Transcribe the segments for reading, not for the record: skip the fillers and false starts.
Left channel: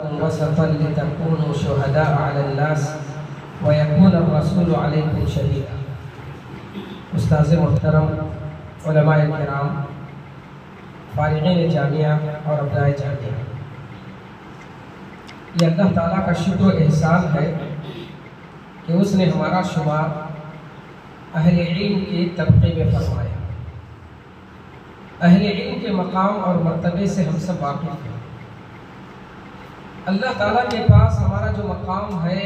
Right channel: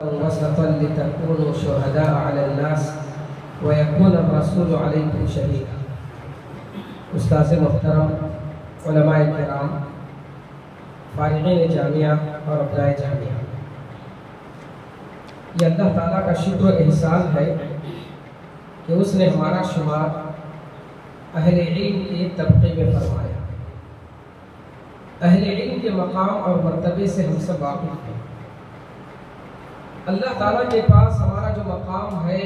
وسطا لتكونوا شهداء على الناس ويكون الرسول عليكم شهيدا۔ استاذ محترم، علماء کرام، فارغین جامعہ اور ابنائے جامعہ، یہ اللہ تعالیٰ کا شکر و احسان ہے کہ اس نے ہمارا شمار اہل علم کے طبقے میں فرمایا۔ اہل علم کے مقام اور مرتبے سے ہم سب واقف ہیں۔ اللہ تعالیٰ کے پاس ہمارا جو مقام ہے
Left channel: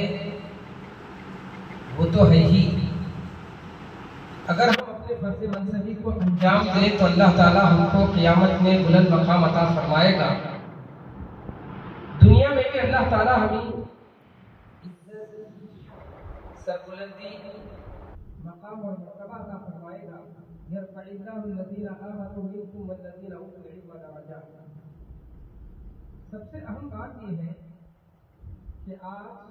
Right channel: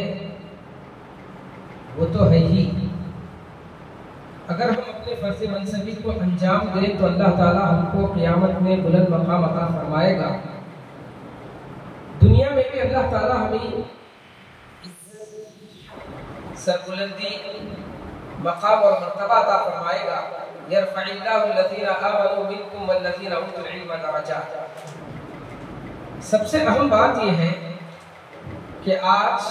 وہ تو ہے ہی۔ اگر ہم اپنے فرض منصبی کو انجام دیں تو اللہ تعالیٰ ہم کو قیامت میں بلند مقام عطا فرمائے گا۔ دنیا میں بھی اللہ تعالیٰ ہمیں سربلندی، مقام اور مرتبہ عطا فرمائے گا۔ یرفع اللہ الذین آمنوا منکم والذین اوتوا العلم درجات۔ سب سے اہم بات یہ ہے کہ آج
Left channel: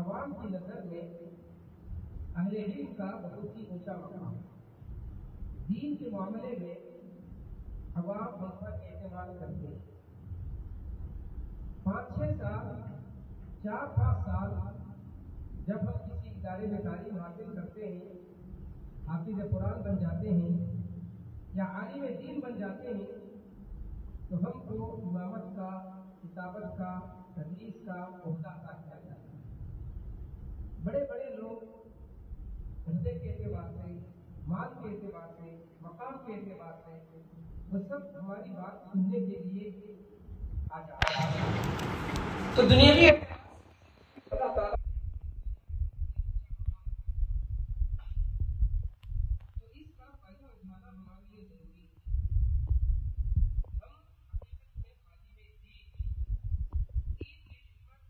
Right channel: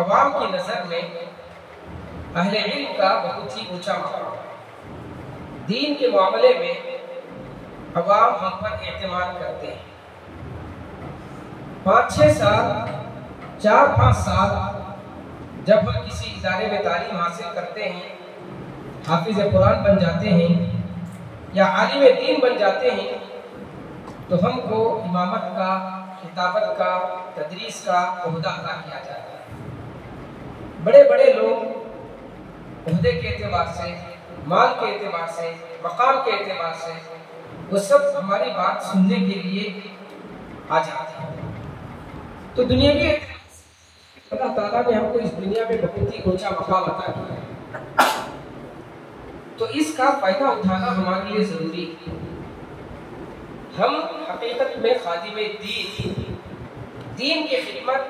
عوام کی نظر میں اہل علم کا بہت ہی اونچا مقام ہے۔ دین کے معاملے میں عوام ہم پر اعتماد کرتے ہیں۔ 5-6 سال، 4-5 سال جب ہم کسی ادارے میں تعلیم حاصل کرتے ہیں، حافظ قرآن بن جاتے ہیں یا عالم دین بن جاتے ہیں، تو ہم کو امامت کا، خطابت کا، تدریس کا عہدہ عطا کیا جاتا ہے۔ بڑے بڑے لوگ عہدے کے اعتبار سے، مال کے اعتبار سے، مقام کے اعتبار سے وہ سب ہماری بات سننے کے لیے آ جاتے ہیں۔ تو دنیاوی اعتبار سے اللہ تعالیٰ نے ہم کو اس دنیا میں بہت ہی اونچا مقام عطا کیا ہے، تو اس کا فائدہ اٹھانا ہمارے لیے ضروری ہے۔ ہم حقیقت میں خادم دین کی خدمت